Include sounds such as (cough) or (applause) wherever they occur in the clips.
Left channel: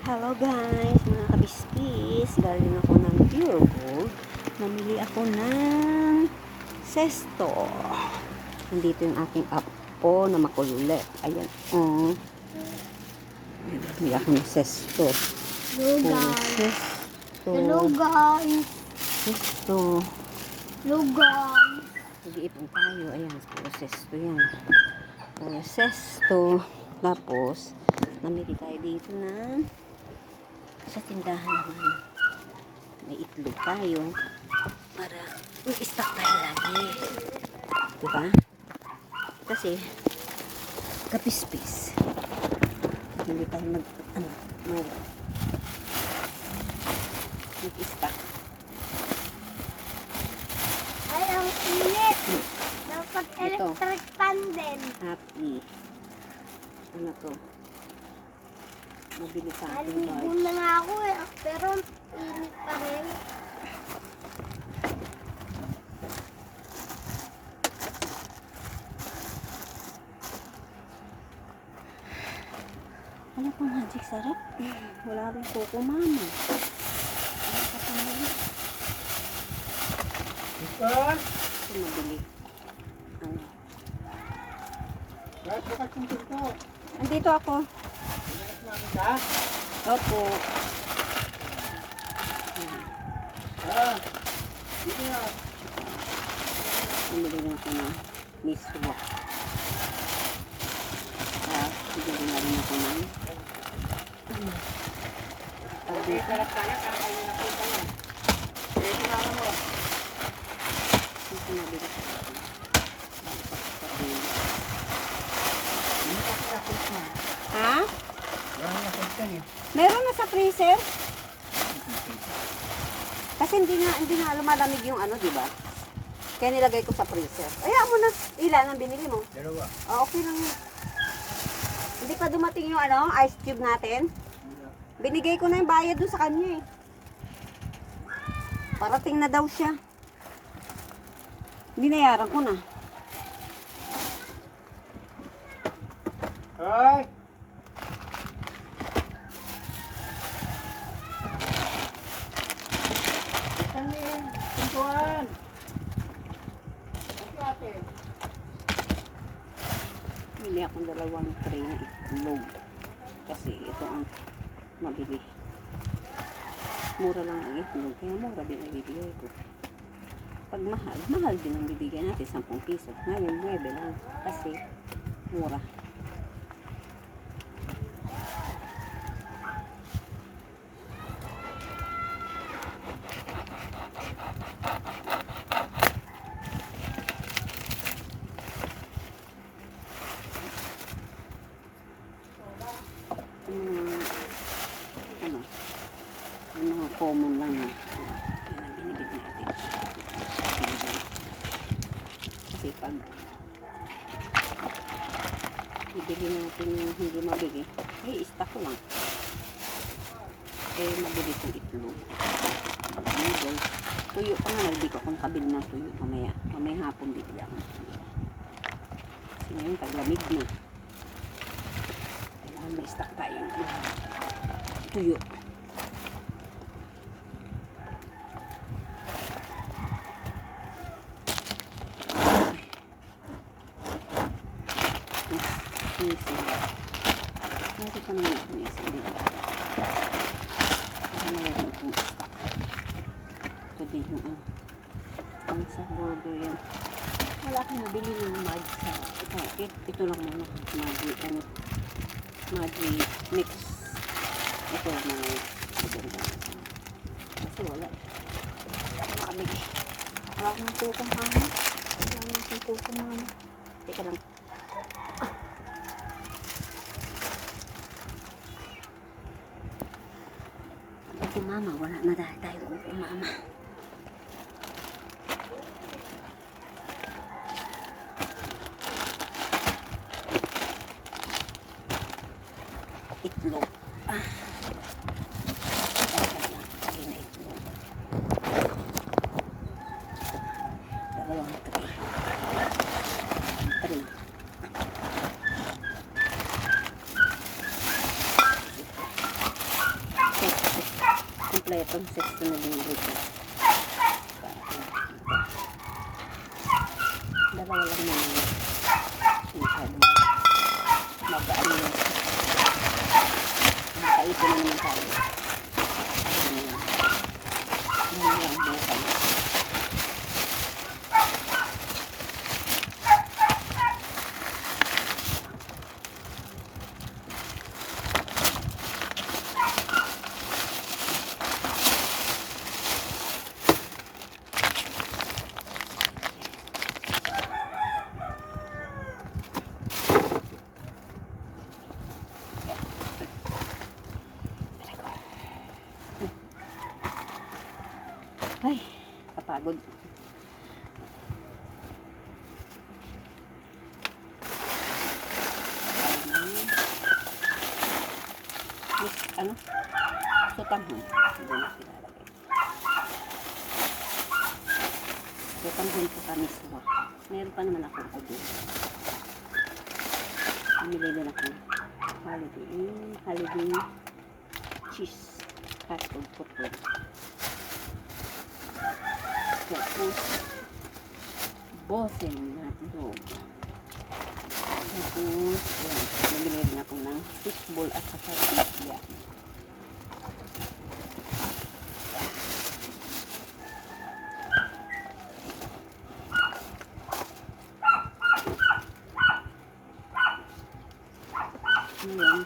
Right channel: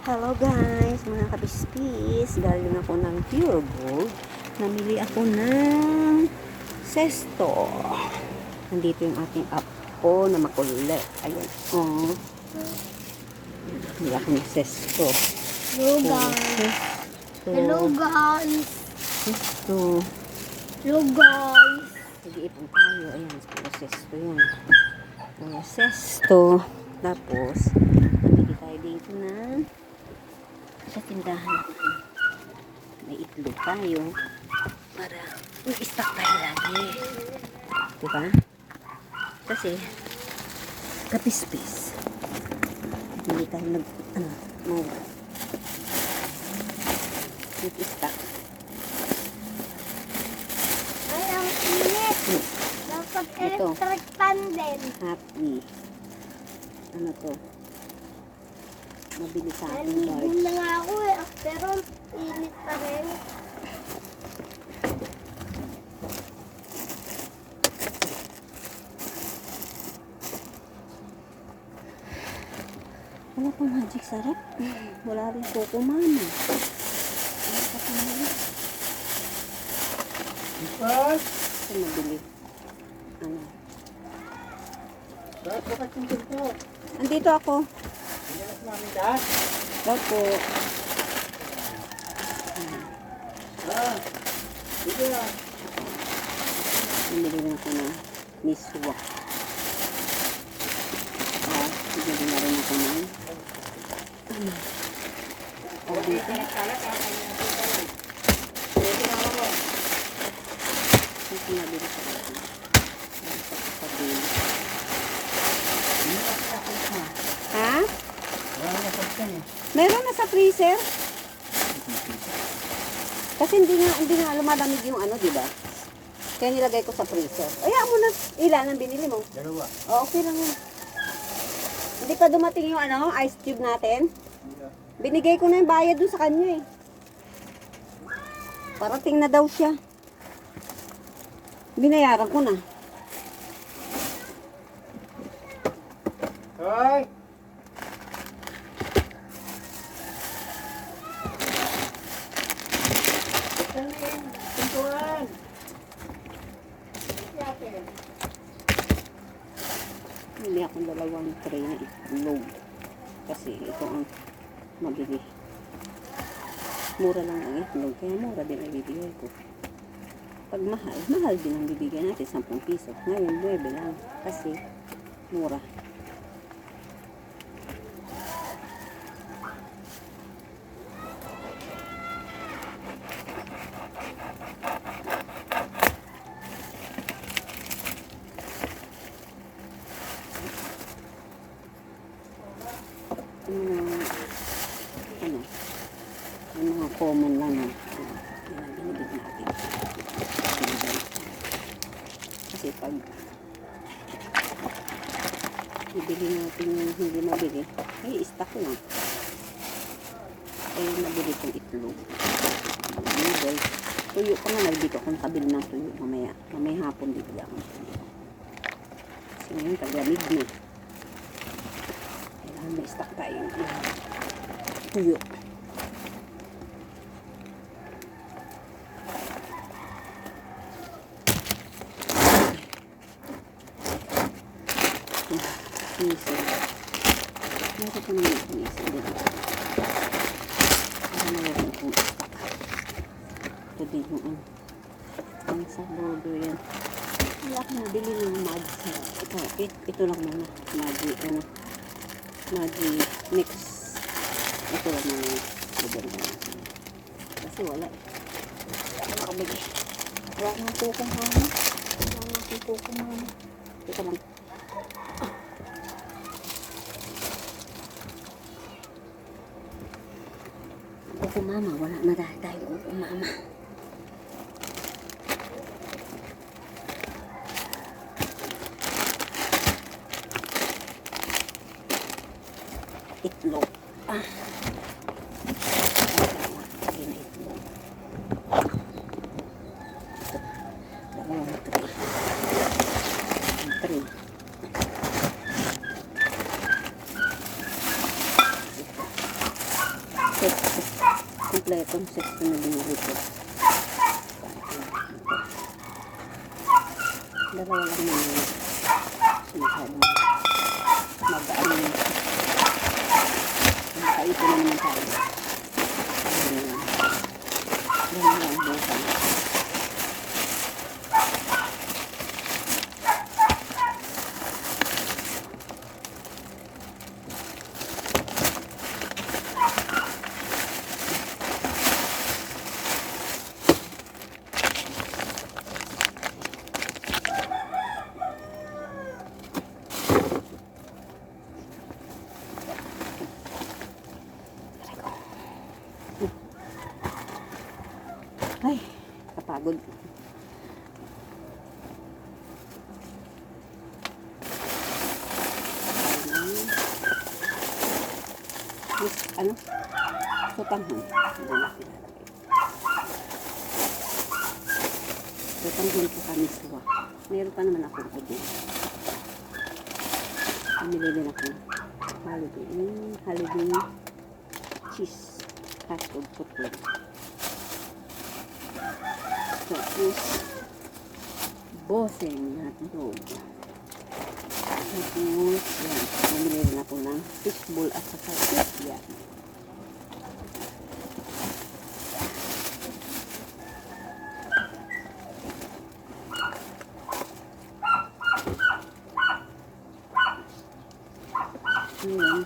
Hello guys, mga kabispis. Galing ako ng Pure Gold. Namili ako ng sesto. Nandito yung aking app ko na makulit. Ayan. Um, Namili ako ng sesto. Hello guys. sesto. Hello guys. Sesto. Hello guys. Nag-iipon tayo. Ayan, puro sesto yun. Puro sesto. Tapos, namili tayo dito na sa tindahan naman. May itlog tayo. Para may stock tayo lagi. Diba? Kasi, kapispis. Hindi tayo nag, ano, mag, nag-stock. Ay, ang init. Dapat Ito. electric fan din. Happy. Ano to? Mabili sa akin Naligo guard. na nga ako eh. Pero init pa rin. Wala pang magic sarap. Wala rin coco mama. Ano pa pang mali? Ito mabili. Ano? Andito ako. Opo. Bumili na ako ng miswa. Ah, bumili na rin ako ng dito? Ha? Meron na sa freezer? Kasi hindi nga, hindi nga lumalamig yung ano, di ba? Kaya nilagay ko sa freezer. Ayaw mo na. Ilan ang binili mo? Dalawa. Oh, okay lang yun. Hindi pa dumating yung ano, ice cube natin. Binigay ko na yung bayad dun sa kanya eh. Parating na daw siya. Binayaran ko na. Hoy! Itlog. Kasi ito ang mabili. Mura lang ang itlog. Kaya mura din ang bibigay ko. Pag mahal, mahal din ang bibigyan natin. 10 piso. Ngayon, 9 lang. Kasi mura. Yung mga, ano, yung mga common lang na, ano, yun ang binibig natin. Binibig. Kasi pag ibili natin yung hindi mabili, eh, stock lang. Eh, mabili kong itlog. Noodles. Tuyo pa nga, nagdi ko akong nakabili ng tuyo mamaya. Mamaya hapon bibili ako ng tuyo. Kasi ngayon, taglamig na. Kailangan may stock tayo tuyo. Nasi pa naman yung nisi. Dito. Para nawalan kong. Ito din yung ano. Ang sa burger yan. Wala akong nabili ng Maggi. Ito, it, ito lang muna. Maggi, ano. Maggi mix. Ito lang muna ko natin. Kasi wala eh. Wala makabili. Wala akong tukong mama. Wala akong tukong mama. Teka lang. Kuko mama, wala na dahil tayo kuko mama. Itlog. Ah. Lagay na itlog. Ito. Dalawang tray. Tray. Ito. set. Kompletong set na binili ko. Dalawa lang naman. Masyadong magaan yun. Makaipon na naman tayo. Ganun lang bukan. Ay, kapagod. Yes, ano? Sotanghon. Hindi na pinalagay. Sotanghon po kaniswa. Meron pa naman ako po din. Pamili din ako. Holiday. Holiday cheese. Fast food po po. Tapos, boseng na dog. Tapos, yan. Bumili rin ako ng fishball at saka fish yan. Ngayon,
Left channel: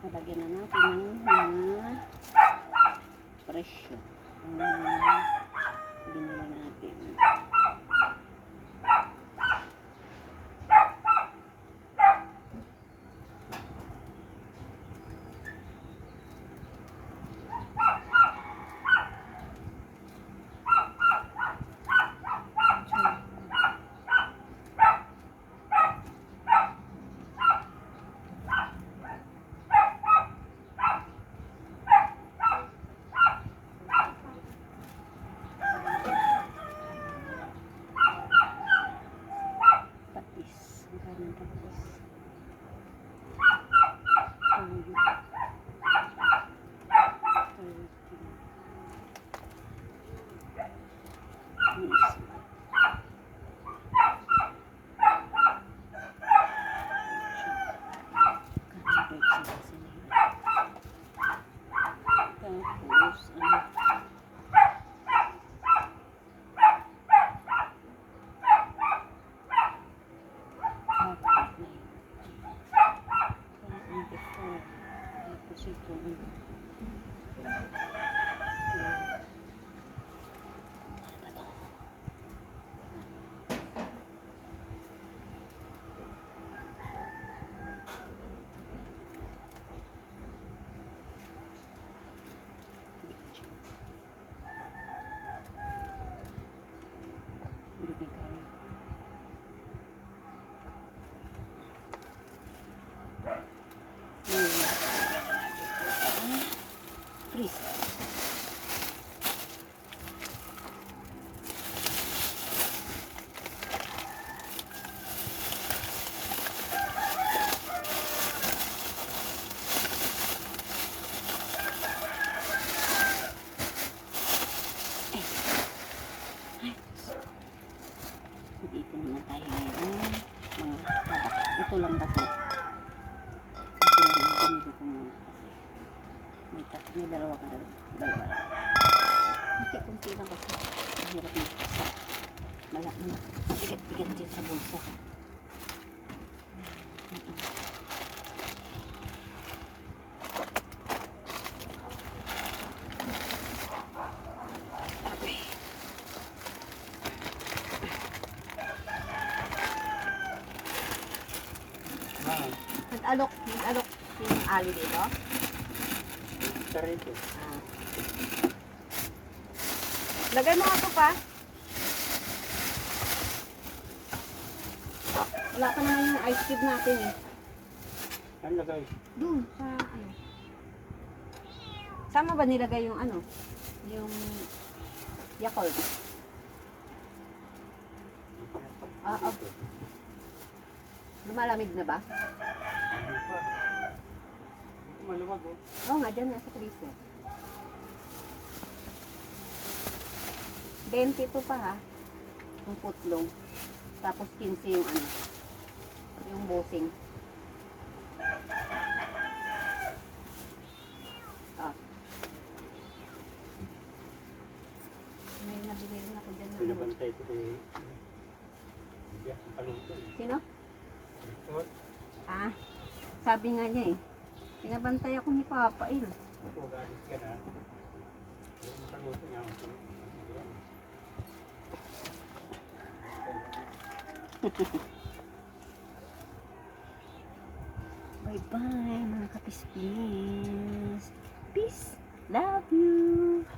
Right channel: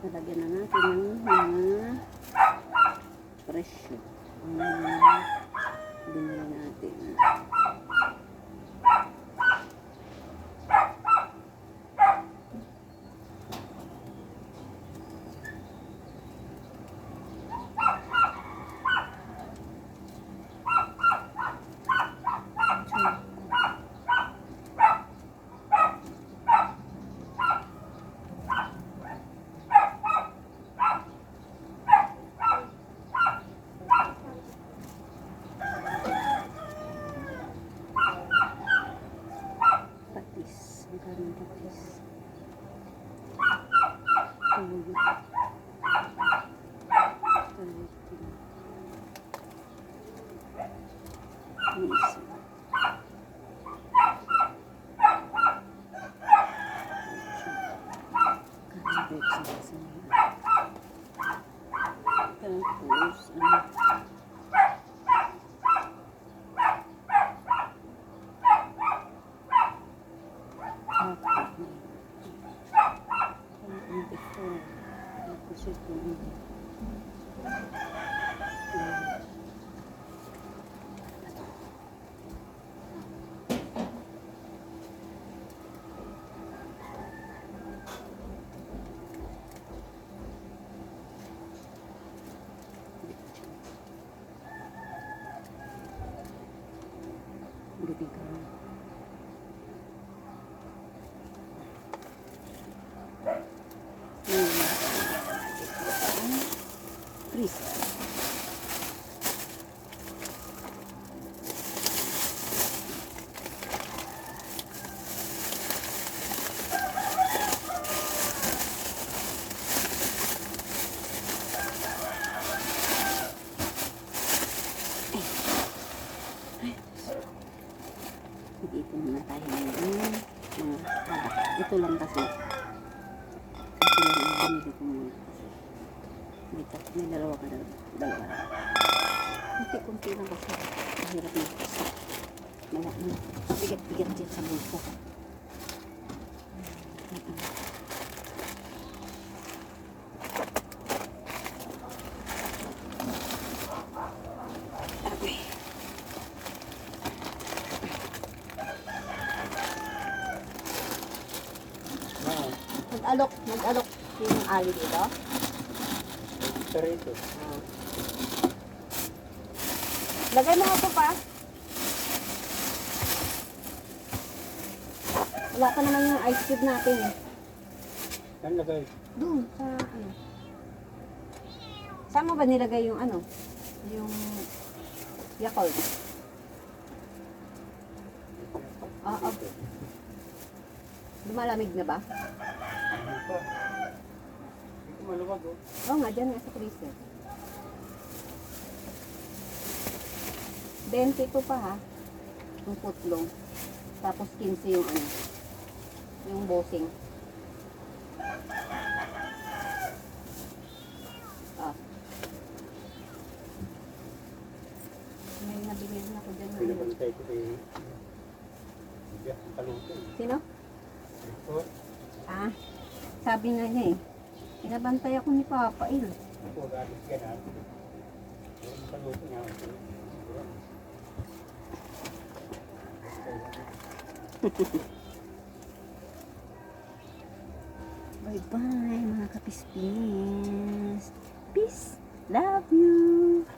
lalagyan na natin ng mga presyo. Ang mga binili natin. Patis. Ang daming patis. Tuyo. Tuyo. Miso. Karabit sila sa nila. Tapos, ano, Freeze. Dito muna tayo ngayon. Mga hadak. Ito lang kasi. Ito lang muna. May, tat- may dalawa ka na. Dalawa lang. Kunti-kunti lang kasi. Mahirap na. Malak na. Bigat-bigat dyan sa bulsa. Nag-alok, nag-alok yung ali dito. Isa rito. Ah. Lagay mo ako pa. Wala pa naman yung ice cube natin eh. Saan lagay? Doon, sa ano. Sama ba nilagay yung ano? Yung Yakult. Ah, ah. Lumalamig na ba? Ano pa? Ko maluwag oh. Oo nga, dyan nga sa freezer. 20 po pa ha. Yung putlong. Tapos 15 yung ano. Yung bossing. Ah. May nabili rin ako dyan. ng- Pinabantay ko kay... Hindi ang kaluto eh. Sino? Ah, sabi nga niya eh. Pinabantay ako ni Papa eh. ito, galit ka na. Ako. Ayan. (laughs) Bye-bye mga kapispins. Peace. Love you.